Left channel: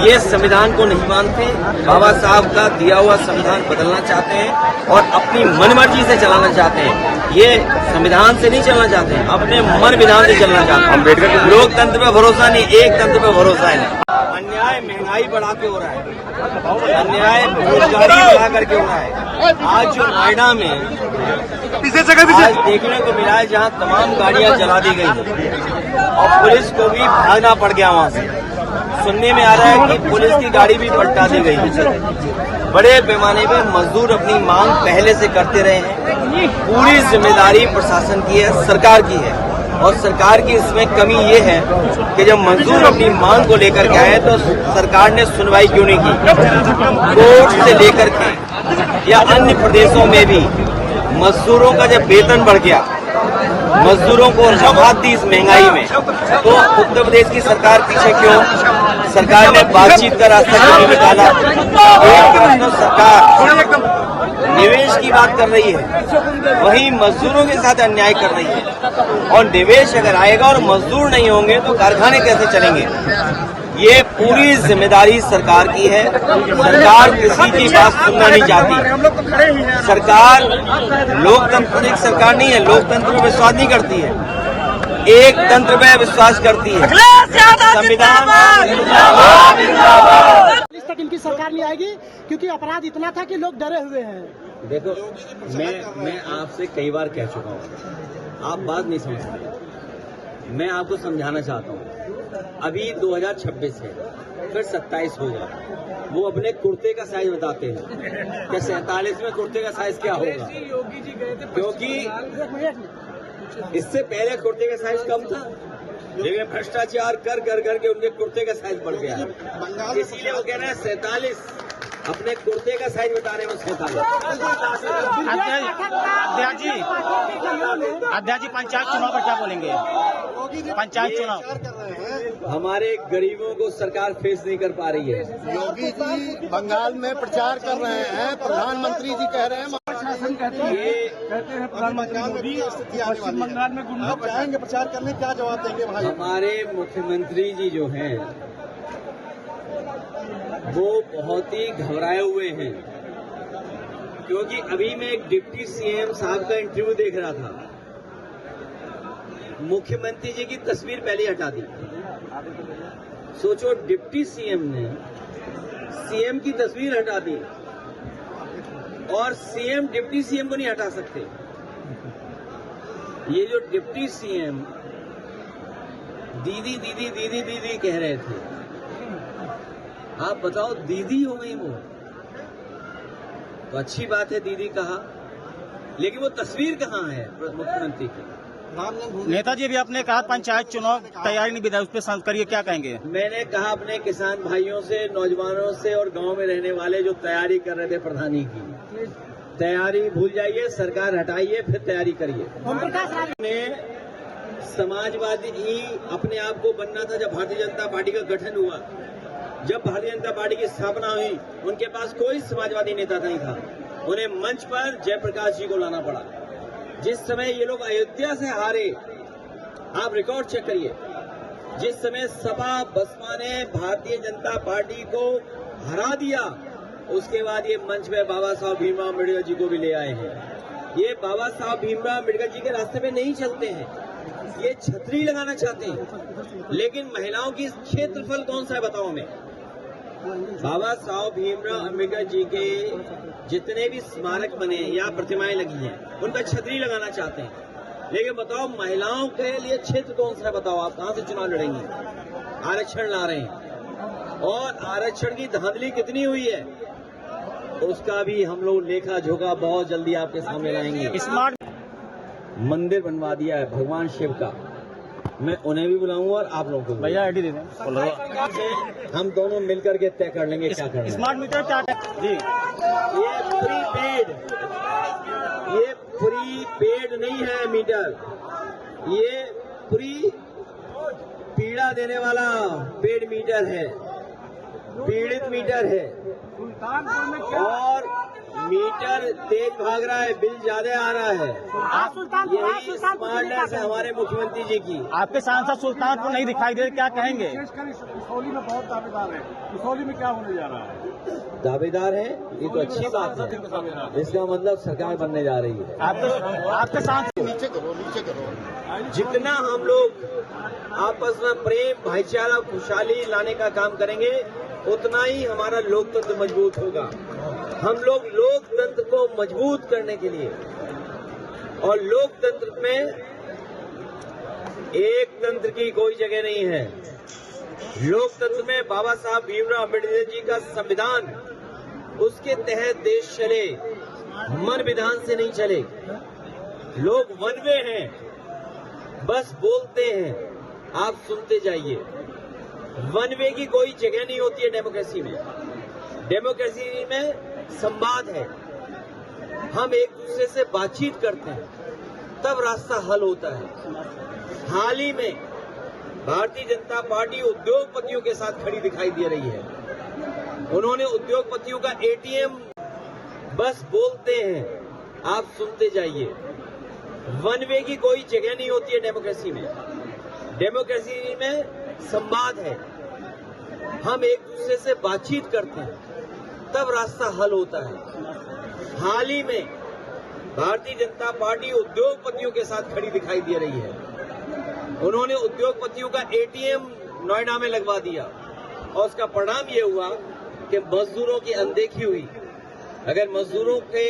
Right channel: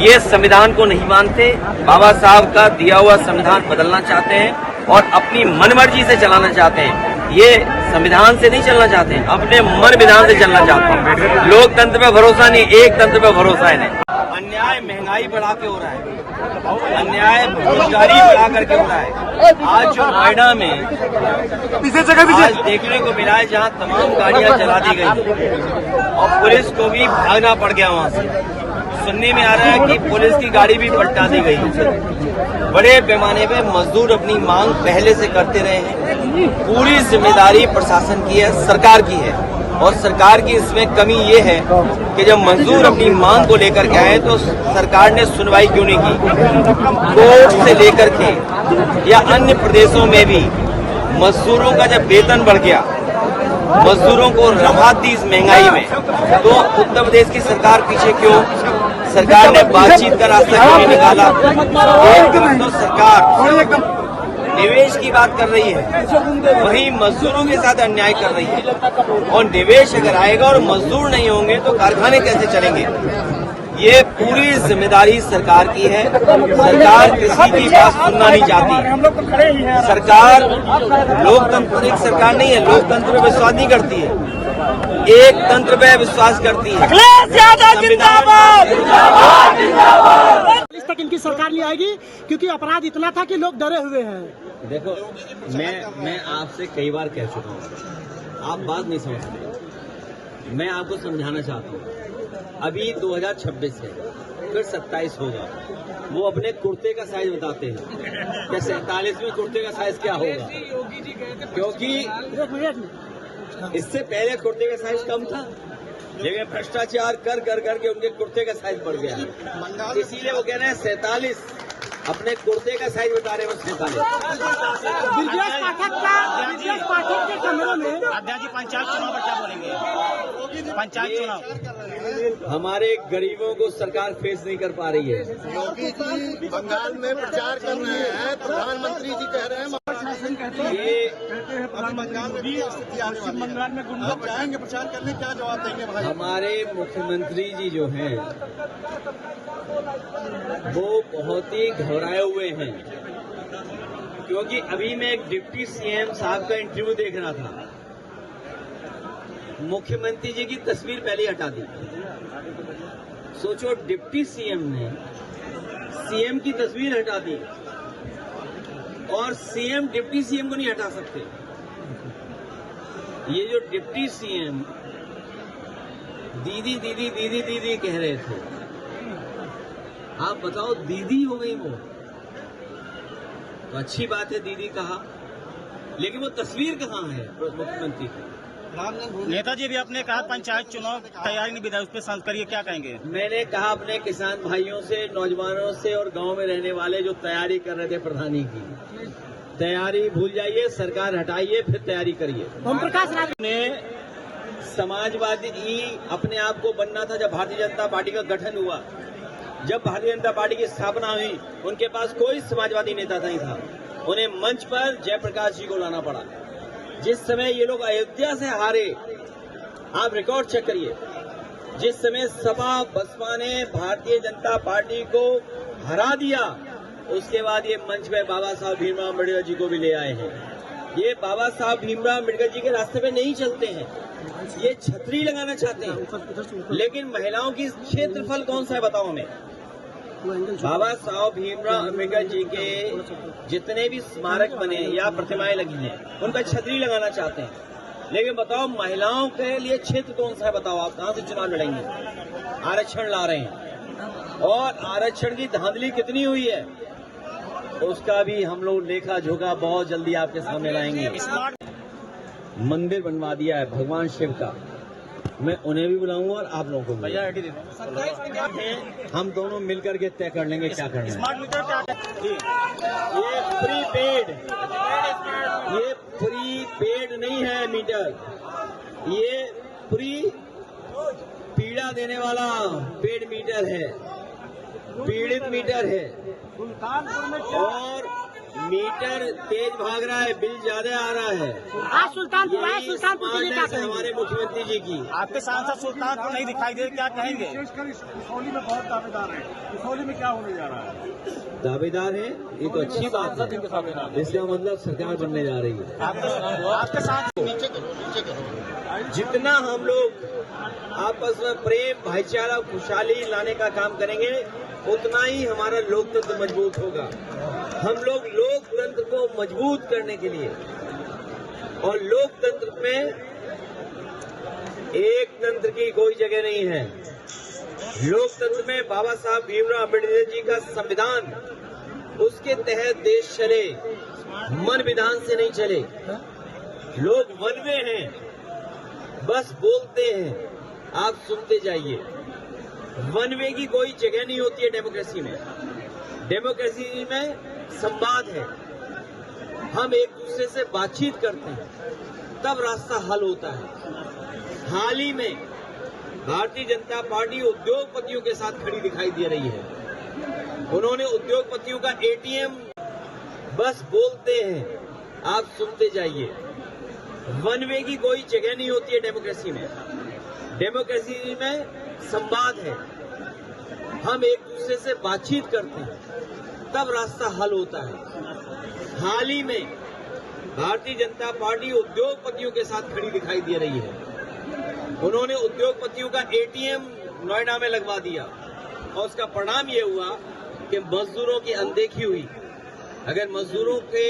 ये संविधान को नहीं मानते, बाबा साहब का दिया हुआ संविधान बदलना चाहते हैं और अपनी मनमर्जी से चलाना चाहते हैं। ये संविधान से नहीं चलना चाहते हैं, अपने मन विधान से चलना चाहते हैं। लोकतंत्र पे भरोसा नहीं, एक तंत्र पे भरोसा है। अन्याय महंगाई बढ़ा के हो रहा है, अन्याय बेरोजगारी बढ़ा करके हो रहा है। आज जो नोएडा में आज देखने को मिला है, जहां तमाम गाड़ियां जला दी गई और पुलिस को भी भागना पड़ गया वहां से। सुनने में आ रहा है कि पुलिस की गाड़ी भी पलटा दी गई। बड़े पैमाने पे मजदूर अपनी मांग पहले से करते रहे हैं। पूरी जिम्मेदारी प्रशासन की है, सरकार की है। और सरकार की इसमें कमी ये है कि जब मजदूर अपनी मांग को लेकर के आए तो सरकार ने सुनवाई क्यों नहीं की। कोर्ट से लेकर के या अन्य प्रदेशों में भी मजदूरों का जब वेतन बढ़ गया, मजदूरों को राहत दी इस महंगाई में, तो उत्तर प्रदेश की सरकार पीछे क्यों? सरकार ने बातचीत का रास्ता क्यों नहीं निकाला? एक तरफ तो सरकार निवेश की बात कर रही है, वहीं मजदूरों के साथ अन्याय कर रही है। और निवेश अगर आएगा और मजदूर नहीं होंगे तो कारखाने कैसे चलेंगे? ये पूरी जिम्मेदारी सरकार की है। सरकार किसी की बात सुनना नहीं चाहती। सरकार लोकतंत्र सरकार नहीं है, लोकतंत्र में विश्वास नहीं करती है, एक तंत्र में विश्वास करती है। संविधान तक इनकी सरकार नहीं आएगी क्योंकि अपराध इतना था कि लोग डरे हुए हैं। देखो, मैं आपसे कई बार कह चुका हूँ, आप बात नहीं समझ सकते। मैं आपको समझाना चाहता हूँ। अभी 2026 है, फिर 27 होगा। वो अपने कुर्ते का साइज बताते हैं कि 47 में कुर्ते का साइज क्या होगा, क्योंकि इससे पहले कुर्ते का साइज कम था, लेकिन भ्रष्टाचार कर के उनके कुर्ते का साइज बढ़ गया है। इसीलिए वो कह रहे हैं 47, अपने कुर्ते का साइज बता रहे हैं वो 47। अध्यक्ष जी, पंचायत चुनाव पर क्या बोलेंगे? पंचायत चुनाव हमारे गरीबों को सरकार फेस नहीं कर पा रही है। योगी जी बंगाल में प्रचार कर रहे हैं, प्रधानमंत्री जी कह रहे हैं, पश्चिम बंगाल में गुंडा जाएंगे प्रचार करने, क्या जवाब देंगे भाई? हमारे मुख्यमंत्री जी जो हैं वो बहुत ही घबराए हुए हैं, क्योंकि अभी मैं एक डिप्टी सीएम साहब का इंटरव्यू देख रहा था। मुख्यमंत्री जी की तस्वीर पहले हटा दी। सोचो, डिप्टी सीएम ने सीएम की तस्वीर हटा दी और सीएम डिप्टी सीएम को नहीं हटा सकते। ये जो डिप्टी सीएम दीदी दीदी दीदी दीदी कह रहे थे, आप बताओ, दीदी हो गई वो तो अच्छी बात है, दीदी कहा, लेकिन वो तस्वीर कहाँ है मुख्यमंत्री की? नेताजी भी आपने कहा पंचायत चुनाव तैयारी नहीं विधायक, उस पर सांस करिए, क्या कहेंगे? मैंने कहा अपने किसान भाइयों से, नौजवानों से और गांव में रहने वाले जो तैयारी कर रहे थे प्रधानी की, तैयारी भूल जाइए, सरकार हटाइए, फिर तैयारी करिए। ओम प्रकाश ने समाजवादी अपने आप को बनना था। जब भारतीय जनता पार्टी का गठन हुआ, जब भारतीय जनता पार्टी की स्थापना हुई, उनके पास कोई समाजवादी नेता नहीं था। उन्हें मंच पर जयप्रकाश जी को लाना पड़ा। जिस समय ये लोग अयोध्या से हारे, आप रिकॉर्ड चेक करिए, जिस समय सपा बसपा ने भारतीय जनता पार्टी को हरा दिया, उसके बाद ये मंच में बाबा साहब भीमराव अम्बेडकर जी को भी ले आए हैं। ये बाबा साहब भीमराव अम्बेडकर जी के रास्ते पे नहीं चलते हैं, ये छतरी लगाना चाहते हैं। लेकिन महिलाओं की क्षेत्रफल कौन सा है बताओ हमें? बाबा साहब भीमराव अम्बेडकर जी के जितने भी स्मारक बने या प्रतिमाएं लगी हैं, उन पर छतरी लगाना चाहते हैं। लेकिन बताओ, महिलाओं के लिए क्षेत्र कौन सा है बताओ? आप कहां से चुनाव लड़ेंगे? आरक्षण ला रहे हैं, और आरक्षण की धांधली कितनी हुई है उसका भी हम लोग लेखा जोखा बहुत जल्दी आपके सामने लाएंगे। मंदिर बनवा दिया है भगवान शिव का, मैं उन्हें भी बुलाऊंगा और आप लोगों को भैया आईडी दे दो, हम दोनों मिलकर के तय कर लेंगे क्या करना है। स्मार्ट मीटर क्या जी? ये प्रीपेड नहीं है मीटर, ये प्री पीड़ा देने वाला पेड मीटर है, पीड़ित मीटर है। और मीटर तेज भाग रहा है, बिल ज्यादा आ रहा है। यही स्मार्टनेस है हमारे मुख्यमंत्री जी की। आपके सांसद सुल्तानपुर नहीं दिखाई दे, क्या कहेंगे? कसौली में बहुत दावेदार है, कसौली में क्या होने जा रहा है? दावेदार है, ये तो अच्छी बात है। इसका मतलब सरकार बनने जा रही है। आपके सांसद नीचे करो। जितना हम लोग आपस में प्रेम, भाईचारा, खुशहाली लाने का काम करेंगे, उतना ही हमारा लोकतंत्र मजबूत होगा। हम लोग लोकतंत्र को मजबूत करने के लिए और लोकतंत्र में एक तंत्र की कोई जगह नहीं है। लोकतंत्र में बाबा साहब भीमराव अम्बेडकर जी का संविधान, उसके तहत देश चले, मन विधान से नहीं चले। लोग वन वे हैं, बस बोलते हैं, आप सुनते जाइए। वन वे की कोई जगह नहीं होती है डेमोक्रेसी में। डेमोक्रेसी में संवाद है, हम एक दूसरे से बातचीत करते हैं, तब रास्ता हल होता है। हाल ही में भारतीय जनता पार्टी उद्योगपतियों के साथ खड़ी दिखाई दे रही है। उन्होंने उद्योगपतियों का एटीएम, बस बोलते हैं, आप सुनते जाइए। वन वे की कोई जगह नहीं होती है डेमोक्रेसी में। डेमोक्रेसी में संवाद है, हम एक दूसरे से बातचीत करते हैं, तब रास्ता हल होता है। हाल ही में भारतीय जनता पार्टी उद्योगपतियों के साथ खड़ी दिखाई दे रही है। उन्होंने उद्योगपतियों का एटीएम नोएडा में लगवा दिया और उसका परिणाम ये हुआ कि मजदूरों की अनदेखी हुई। अगर मजदूरों के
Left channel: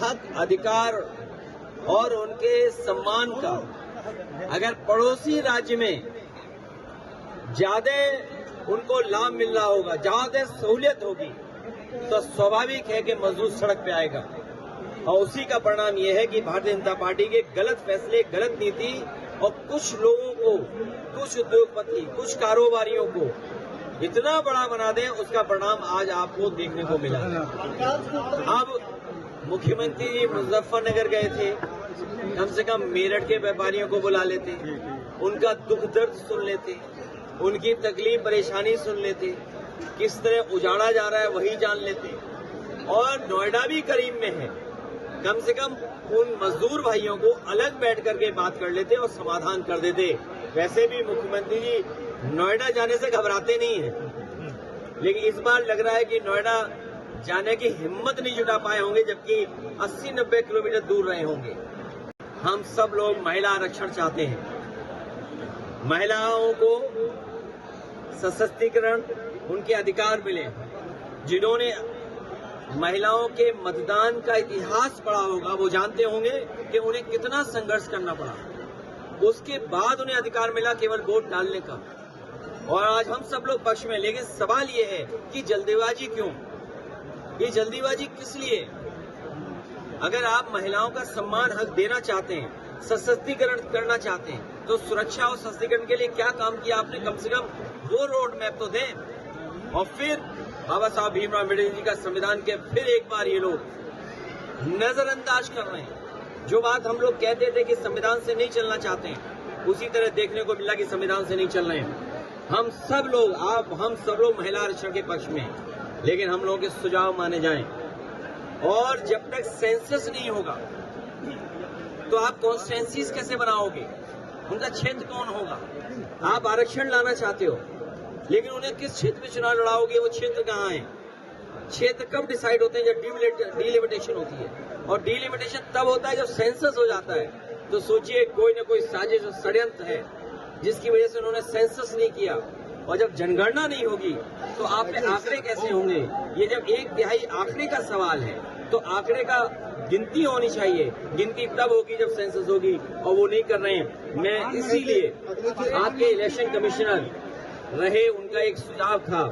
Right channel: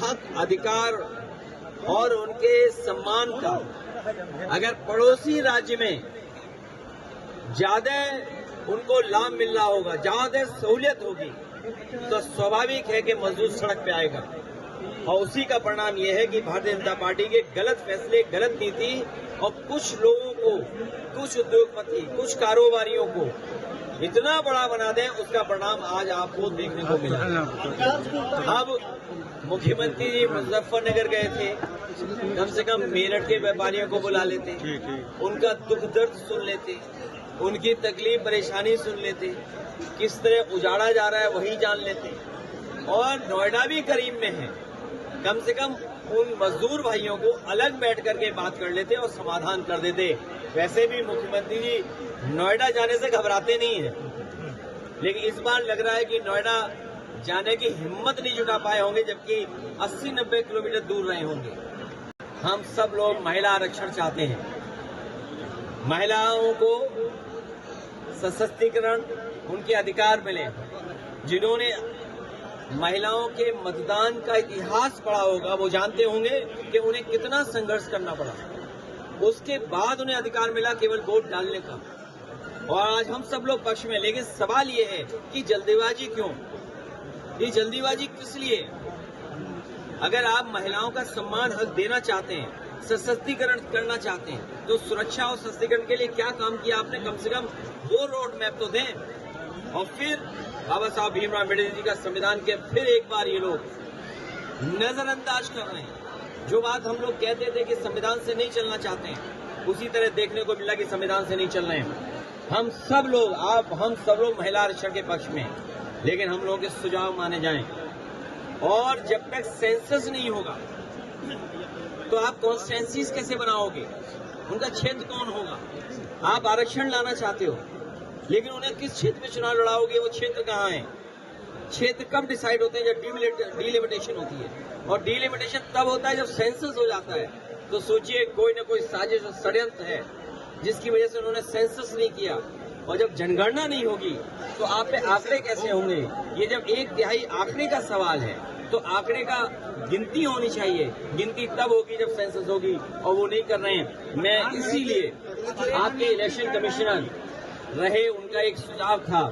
हक, अधिकार और उनके सम्मान का अगर पड़ोसी राज्य में ज्यादा उनको लाभ मिल रहा होगा, ज्यादा सहूलियत होगी, तो स्वाभाविक है कि मजदूर सड़क पे आएगा। और उसी का परिणाम यह है कि भारतीय जनता पार्टी के गलत फैसले, गलत नीति और कुछ लोगों को, कुछ उद्योगपति, कुछ कारोबारियों को इतना बड़ा बना दें, उसका परिणाम आज आपको देखने को मिला। अब मुख्यमंत्री जी मुजफ्फरनगर गए थे, कम से कम मेरठ के व्यापारियों को बुला लेते, उनका दुख दर्द सुन लेते, उनकी तकलीफ परेशानी सुन लेते, किस तरह उजाड़ा जा रहा है वही जान लेते। और नोएडा भी करीब में है, कम से कम उन मजदूर भाइयों को अलग बैठ करके बात कर लेते और समाधान कर देते। वैसे भी मुख्यमंत्री जी नोएडा जाने से घबराते नहीं हैं, लेकिन इस बार लग रहा है कि नोएडा जाने की हिम्मत नहीं जुटा पाए होंगे, जबकि 80-90 किलोमीटर दूर रहे होंगे। हम सब लोग महिला आरक्षण चाहते हैं, महिलाओं को सशक्तिकरण, उनके अधिकार मिले। जिन्होंने महिलाओं के मतदान का इतिहास पढ़ा होगा, वो जानते होंगे कि उन्हें कितना संघर्ष करना पड़ा, उसके बाद उन्हें अधिकार मिला केवल वोट डालने का। और आज हम सब लोग पक्ष में, लेकिन सवाल ये है कि जल्दीबाजी क्यों? ये जल्दीबाजी किस लिए? अगर आप महिलाओं का सम्मान, हक देना चाहते हैं, सशक्तिकरण करना चाहते हैं, तो सुरक्षा और सशक्तिकरण के लिए क्या काम किया आपने? कम से कम वो रोड मैप तो दें। और फिर बाबा साहब भीमराव अम्बेडकर जी का संविधान के फिर एक बार ये लोग नजरअंदाज कर रहे हैं। जो बात हम लोग कहते थे कि संविधान से नहीं चलना चाहते हैं, उसी तरह देखने को मिला कि संविधान से नहीं चल रहे हैं। हम सब लोग महिला आरक्षण के पक्ष में हैं, लेकिन हम लोगों के सुझाव माने जाएं। और जब तक सेंसस नहीं होगा तो आप कॉन्स्टिट्यूएंसीज कैसे बनाओगे? उनका क्षेत्र कौन होगा? आप आरक्षण लाना चाहते हो, लेकिन उन्हें किस क्षेत्र में चुनाव लड़ाओगे? वो क्षेत्र कहाँ है? क्षेत्र कब डिसाइड होते हैं? जब डिलिमिटेशन होती है, और डिलिमिटेशन तब होता है जब सेंसस हो जाता है। तो सोचिए, कोई न कोई साजिश और षड्यंत्र है जिसकी वजह से उन्होंने सेंसस नहीं किया। और जब जनगणना नहीं होगी तो आप पे आंकड़े कैसे होंगे? ये जब 1/3 आंकड़े का सवाल है, तो आंकड़े का गिनती होनी चाहिए। गिनती तब होगी जब सेंसस होगी, और वो नहीं कर रहे हैं। मैं इसीलिए आपके इलेक्शन कमिश्नर रहे, उनका एक सुझाव था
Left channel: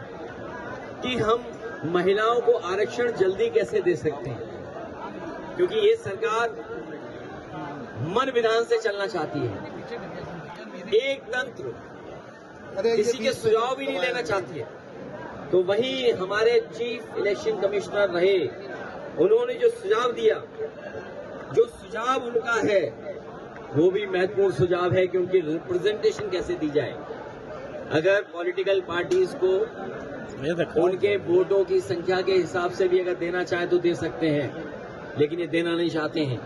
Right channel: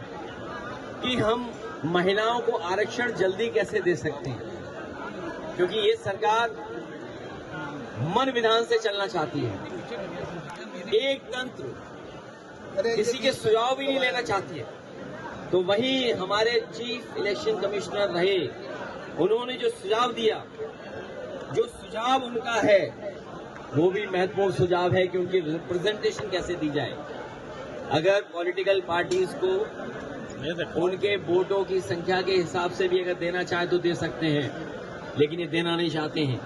कि हम महिलाओं को आरक्षण जल्दी कैसे दे सकते हैं, क्योंकि ये सरकार मन विधान से चलना चाहती है, एक तंत्र, किसी के सुझाव भी नहीं लेना चाहती है। तो वही हमारे चीफ इलेक्शन कमिश्नर रहे, उन्होंने जो सुझाव दिया, जो सुझाव उनका है वो भी महत्वपूर्ण सुझाव है कि उनकी रिप्रेजेंटेशन कैसे दी जाए। अगर पॉलिटिकल पार्टीज को ये देखो उनके वोटों की संख्या के हिसाब से भी अगर देना चाहे तो दे सकते हैं, लेकिन ये देना नहीं चाहते हैं।